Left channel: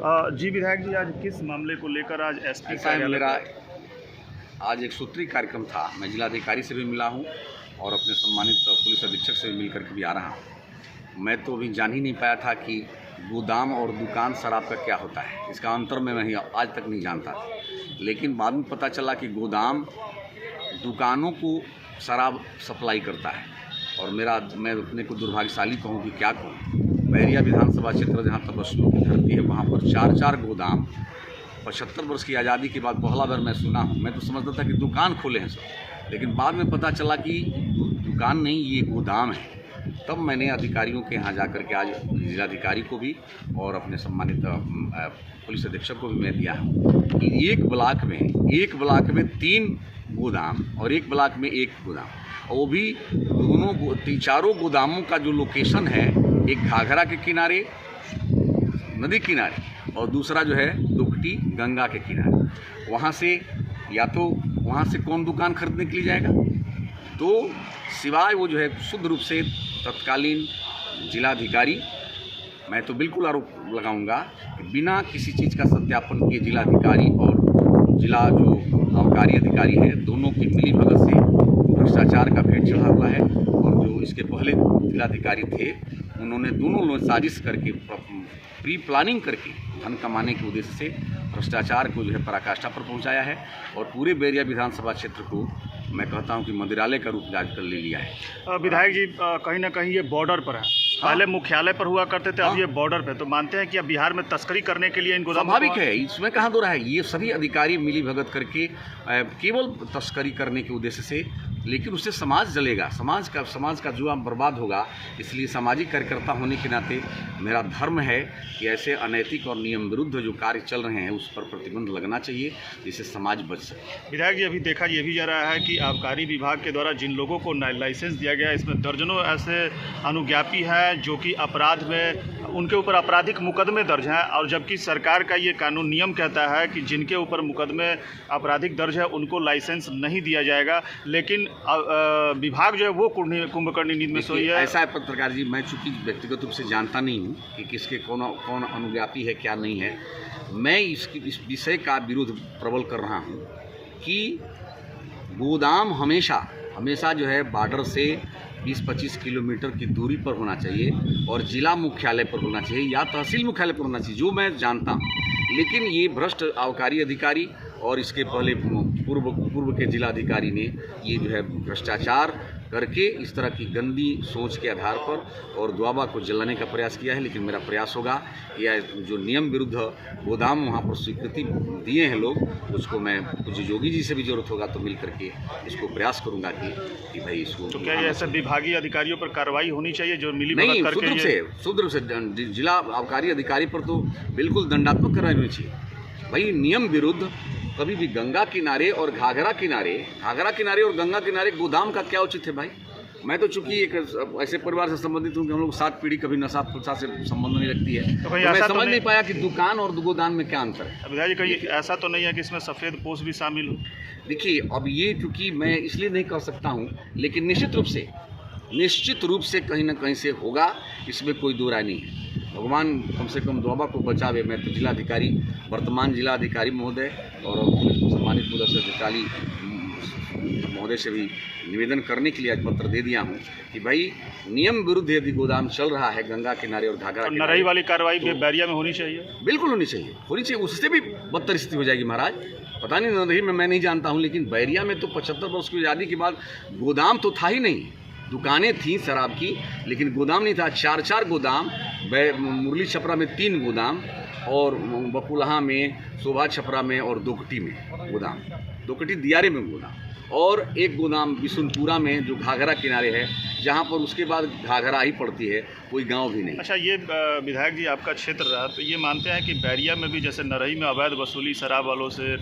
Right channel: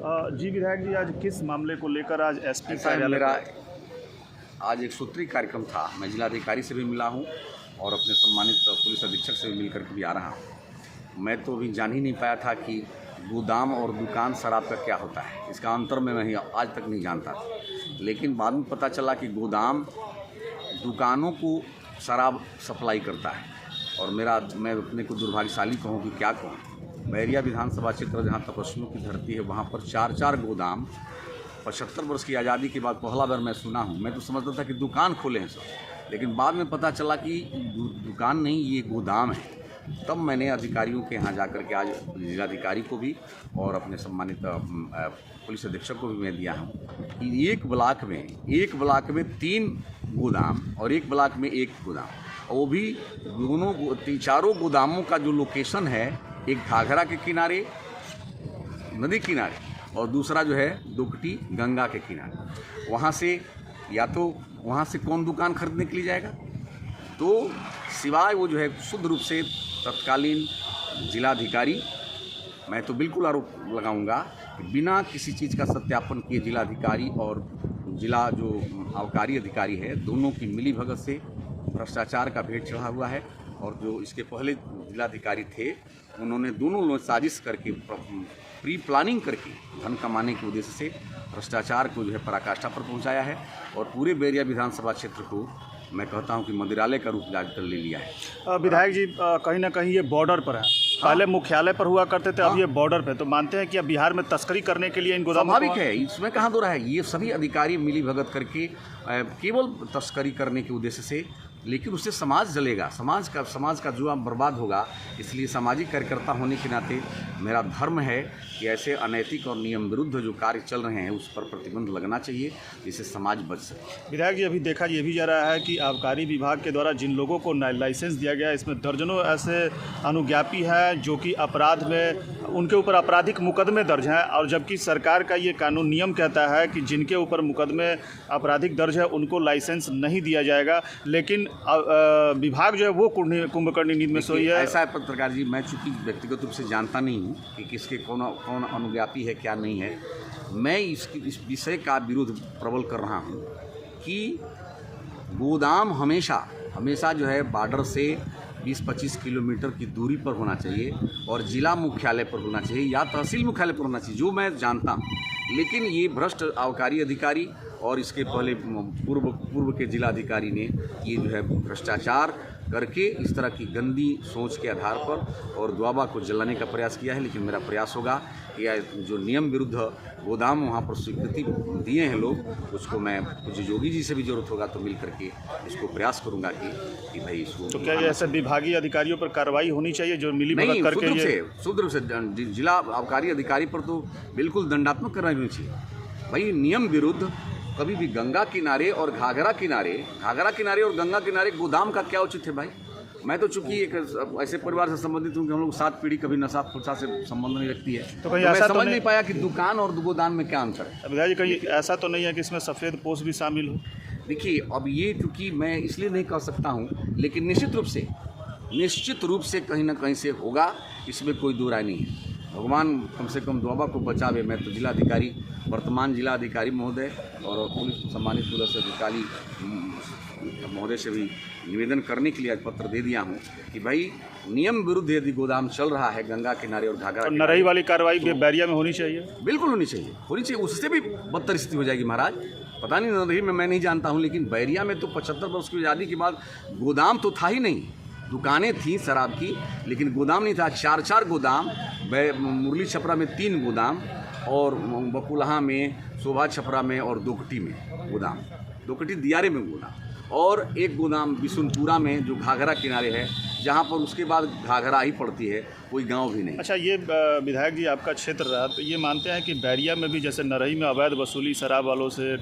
जी विधायक जी, आज किस मामले को लेकर आज एसपी ऐसा है, मेरा आज एक सूत्रीय कार्यक्रम था। मैं जिलाधिकारी से भी मिला हूं और अपने सम्मानित पुलिस अधीक्षक से भी मिलकर के भी आ रहा हूं। मैं तो अभी जान ही नहीं पाया था कि गोदाम और दुकान शराब का क्या होता है। इसका अंतर मैं आज तक नहीं जानता था, लेकिन बाद में पता चला कि गोदाम दुकानों को शराब सप्लाई करता है। और मैं अपने को दुर्भाग्यशाली कहूँ कि क्या कहूँ, बैरिया विधानसभा क्षेत्र जहाँ तपस्वियों की धरती है, वहाँ पर चार गोदाम 75 वर्ष की आज़ादी के बाद पहला बार मैं सुना हूँ। मैं तो समझता था कि दुकान खोले हैं सब, लेकिन बाद में पता चला कि दुकान नहीं, ये गोदाम है। तब मैंने अधिकारियों के यहाँ जाकर के आज जिलाधिकारी को भी और अपने सम्मानित पुलिस अधीक्षक को भी मैं दिया हूँ कि एक ब्लॉक में 3 गोदाम और एक ब्लॉक में 1 गोदाम, और वो भी चारों गोदामों का जो लोकेशन है, एक घाघरा के किनारे नदी किनारे और दूसरा जो है दुकटी गंगा के किनारे। वहाँ से या तो वहाँ से कौन दुकान खरीदने के लिए जाएगा, तो सिवाय वो जो है शुद्ध रूप से तत्कालीन जिलाधिकारी, मैं तो बिल्कुल आरोप लगाऊंगा कि बिना किसी चीज़ का सत्यापन किए जिलाधिकारी और जिला जो आबकारी अधिकारी है, दोनों की मिली भगत से भ्रष्टाचार का भेंट चढ़ा हुआ है। और जो इसके पहले जिलाधिकारी थे, उन्होंने दोनों लोग साजिश करके प्री प्लानिंग करके धन कमाने के उद्देश्य से भ्रष्टाचार को जो है पराकाष्ठा पर पहुंचाया है और पूरे बैरिया विधानसभा क्षेत्र को मैं कहता हूं कि मंदिरालय का रूप कर ले लिया है। विधायक जी, कहीं ना कहीं ये बॉर्डर पर है। पहले मुख्यालय पर हुआ करते थे, अब ये बॉर्डर पे। तो मानते हैं कि अब बिहार में तस्करी करने के लिए इन गोदामों स्वाभाविक है, इसमें कहाँ दो रहा है। ये सभी अधिकारी मिली भगत करके केवल तस्करी करने के उद्देश्य से, लेकिन उससे समाज जलेगा, समाज का जुआ बर्बाद होगा। इसलिए सामाजिक कार्यकर्ता होने के नाते मेरा धर्म है कि ऐसे अनैतिक और नियम विरुद्ध जो कार्य चल रहे हैं उस पर प्रतिबंध लगना चाहिए, जिससे समाज बच सके। विधायक जी, अभी देखा ये भी जा रहा है कि आबकारी विभाग के द्वारा जिन लोगों को लाइसेंस दिया गया है, इसमें दर्जनों ऐसे अनुज्ञापी हैं जो कि अपराध में उनके ऊपर आपराधिक मुकदमे दर्ज हैं, और जबकि सरकार का ये कानून नियम कहता है कि जिनके ऊपर मुकदमे आपराधिक दर्ज है उनको लाइसेंस नहीं दिया जाएगा, लेकिन विभाग जो है वो कुंभकर्णी नींद में सोई है। ऐसा है पत्रकार जी, मैं चूंकि व्यक्तिगत रूप से जानता नहीं हूँ कि किसके कौन अनुज्ञापी है क्या नहीं है। मैं इस विषय का विरोध प्रबल कर रहा हूँ कि गोदाम हमेशा जो है बॉर्डर से 20-25 किलोमीटर की दूरी पर होना चाहिए और जिला मुख्यालय पर होना चाहिए या तहसील मुख्यालय पर होना चाहिए, जो मैं जानता हूँ। लेकिन ये भ्रष्ट आबकारी अधिकारी और इसके पहले पूर्व के जिलाधिकारी ने ये जो है भ्रष्टाचार करके इस तरह की गंदी सोच के आधार पर और द्वाबा को जलाने का प्रयास किया है। लेकिन मेरा प्रयास होगा कि जो नियम विरुद्ध गोदाम वहाँ पर स्वीकृति दिए हैं लोग, उसको मैं कुछ योगी जी से भी जरूरत होगा तो मिल करके इसको प्रयास करूँगा कि भाई इसको। तो क्या ऐसे विभागीय अधिकारियों पर कार्रवाई होनी चाहिए जो मिली भगत नहीं, करके? शुद्ध रूप से जिला आबकारी अधिकारी पर तो बिल्कुल दंडात्मक कार्रवाई होनी चाहिए। भाई नियम विरुद्ध कभी भी गंगा किनारे और घाघरा किनारे और गंगा किनारे गोदाम का क्या उचित है भाई। मैं तो चूंकि एक ऐसे परिवार से संबंधित हूँ कि हम लोग 7 पीढ़ी कभी नशा फुशा से संबंध नहीं रखती है, तो मैं समझ नहीं पाया कि दुकान और गोदाम में क्या अंतर है। विधायक जी, कहीं ऐसा तो नहीं है कि इसमें सफ़ेद पोश भी शामिल हो? देखिए, अब ये चूँकि मैं इसलिए नहीं कह सकता हूँ, लेकिन निश्चित रूप से कहीं ना कहीं से होगा, इसमें कोई दो राय नहीं है। भगवान कम से कम द्वाबा को बचावे। मैं तो वर्तमान जिलाधिकारी महोदय और सम्मानित पुलिस अधिकारी महोदय से भी निवेदन करने के लिए आज पत्र दे दिया हूं कि भाई नियम विरुद्ध यदि गोदाम चल रहा है गंगा किनारे और घाघरा किनारे, नरई वाली कार्रवाई बैरिया में होनी चाहिए। बिल्कुल होनी चाहिए। उससे भी बदतर स्थिति हो जाएगी महाराज। पता नहीं नरई में मैं नहीं जानता हूँ, लेकिन बैरिया में तो 75 वर्ष की आज़ादी के बाद गोदाम तो था ही नहीं। दुकानें थी शराब की, लेकिन गोदाम नहीं था। 4 गोदाम, मुरली छपरा में 3 गोदाम और बकुलहा में, शोभा छपरा में और दोकटी में गोदाम, दोकटी दियारे में गोदाम, और 1 गोदाम बिशुनपुरा में जो घाघरा किनारे है, जहाँ पर उसके बाद घाघरा ही पड़ती है, कोई गांव भी नहीं। अच्छा, ये विधायक जी आपका क्षेत्र रहा, तो ये मानते हैं कि बैरिया में भी जैसे नरई में अवैध वसूली शराब वालों से,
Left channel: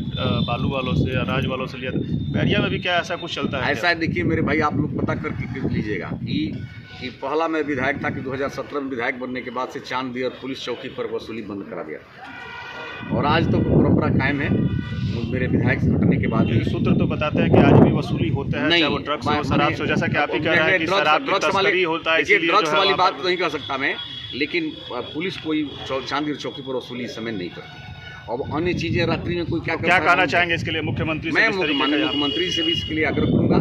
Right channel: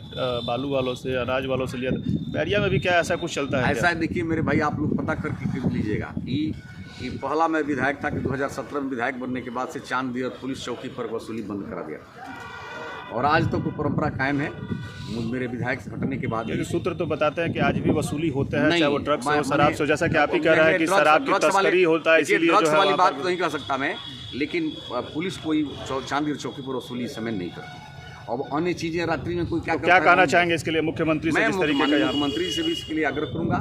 बालू वालों से, अनाज वालों से लिया, बैरिया में भी क्या ऐसा कुछ चलता है? ऐसा है, देखिए मेरे भाई, आप लोग पता करके लीजिएगा कि पहला मैं विधायक था कि 2017 में विधायक बनने के बाद से चांदी और पुलिस चौकी पर वसूली बंद करा दिया, और आज तो परंपरा कायम है मेरे विधायक से हटने के बाद। सूत्र तो बताते हैं कि आज भी वसूली होते हैं, चाहे वो ड्रग्स हो, शराब से, जैसा कि आप ही कह रहे हैं कि शराब की तस्करी होता है। ड्रग्स वाली बात तो नहीं कह सकता मैं, लेकिन पुलिस कोई चांदीर चौकी पर वसूली इस समय नहीं करती। अब अन्य चीज़ें रात्रि में कोई क्या करता क्या है, कहना चाहेंगे इसके लिए मुख्यमंत्री से? मैं किस तरीके का माननीय यहाँ- मुख्यमंत्री से भी इसके लिए आग्रह करूंगा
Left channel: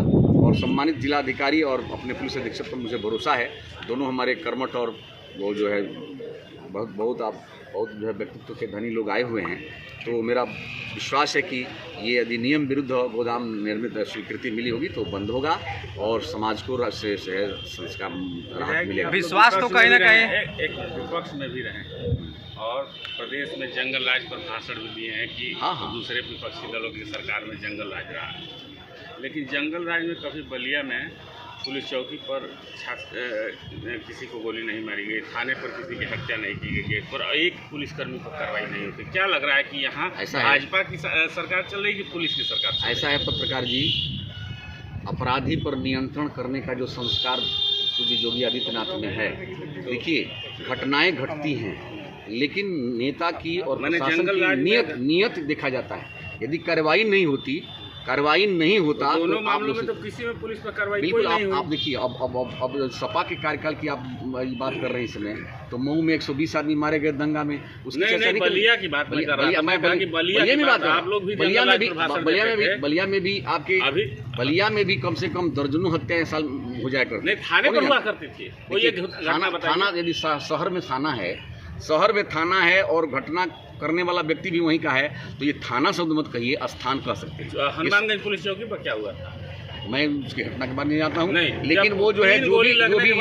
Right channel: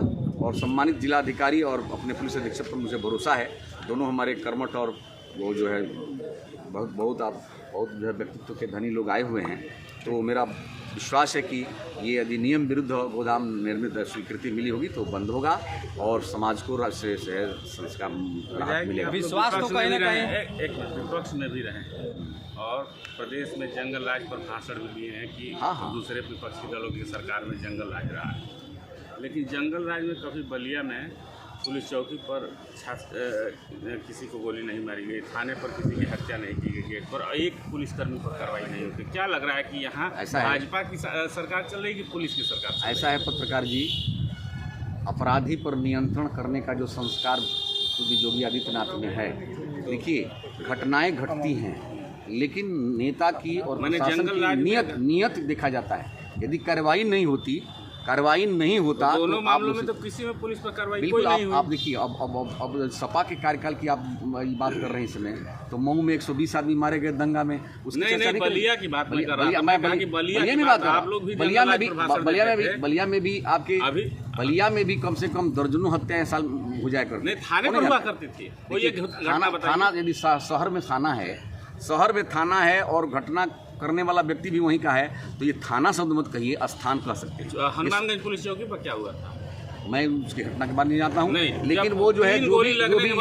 और सम्मानित जिलाधिकारी और अपने पुलिस अधीक्षक पर मुझे भरोसा है, दोनों हमारे कर्मठ और वो जो है बहुत जो है व्यक्तित्व के धनी लोग आए हुए हैं। तो मेरा विश्वास है कि ये अधिनियम विरुद्ध गोदाम निर्मित स्वीकृति मिली होगी तो बंद होगा और समाज को से संस्कार राहत मिलेगा। विश्वास तो कहीं ना कहीं एक विपक्ष में भी रहे और प्रदेश में जंगल राज पर भाषण भी दिए हैं कि हाँ। दूसरे विपक्षी दलों की सरकार में जंगल राज रहा है, लेकिन जंगल राज में कभी बलिया में पुलिस चौकी पर किसी को गोली नहीं मारी गई, थाने पर किसी की हत्या नहीं की गई, गेट पर एक पुलिसकर्मी पर कार्रवाई नहीं होती। क्या लग रहा है कि यहाँ भाजपा की सरकार चल रही है कि पुलिस की सरकार? ऐसा है पत्रकार जी, अपराधी पर नियंत्रण करने का जो संस्कार पूज्य योगी आदित्यनाथ में है, देखिए घटनाएं घटती हैं लेकिन नेता की और प्रशासन की नियत देखा जाता है। यदि कार्रवाई नहीं होता दोनों तो मामलों में तो किसी में पुलिस पर कार्रवाई बिल्कुल कोई नहीं हुई। आप देखिए अब सपा के कार्यकाल की आप बात कर रहे हैं इस समय, तो मऊ में 120 आदमी मारे गए दंगा में, उसकी चर्चा नहीं बलिया की बात नहीं कर रहा, मैं बलिया में बात कर रहा हूं। बलिया में भी कम से कम दर्जनों हत्याएं साल हो जाया करती। नहीं, थाने पर हुआ करती थी। थाना यदि शहर में थाना है और घटना करने वाला व्यक्ति भी वहीं का है तो ये थाना शब्द मत कहिए, स्थान कह सकते हैं। हनुमानगंज पुलिस चौकी पर क्या हुआ था? मैं उसकी घटना के बारे में नहीं जानता हूँ, नहीं, लेकिन वो जो है जो भी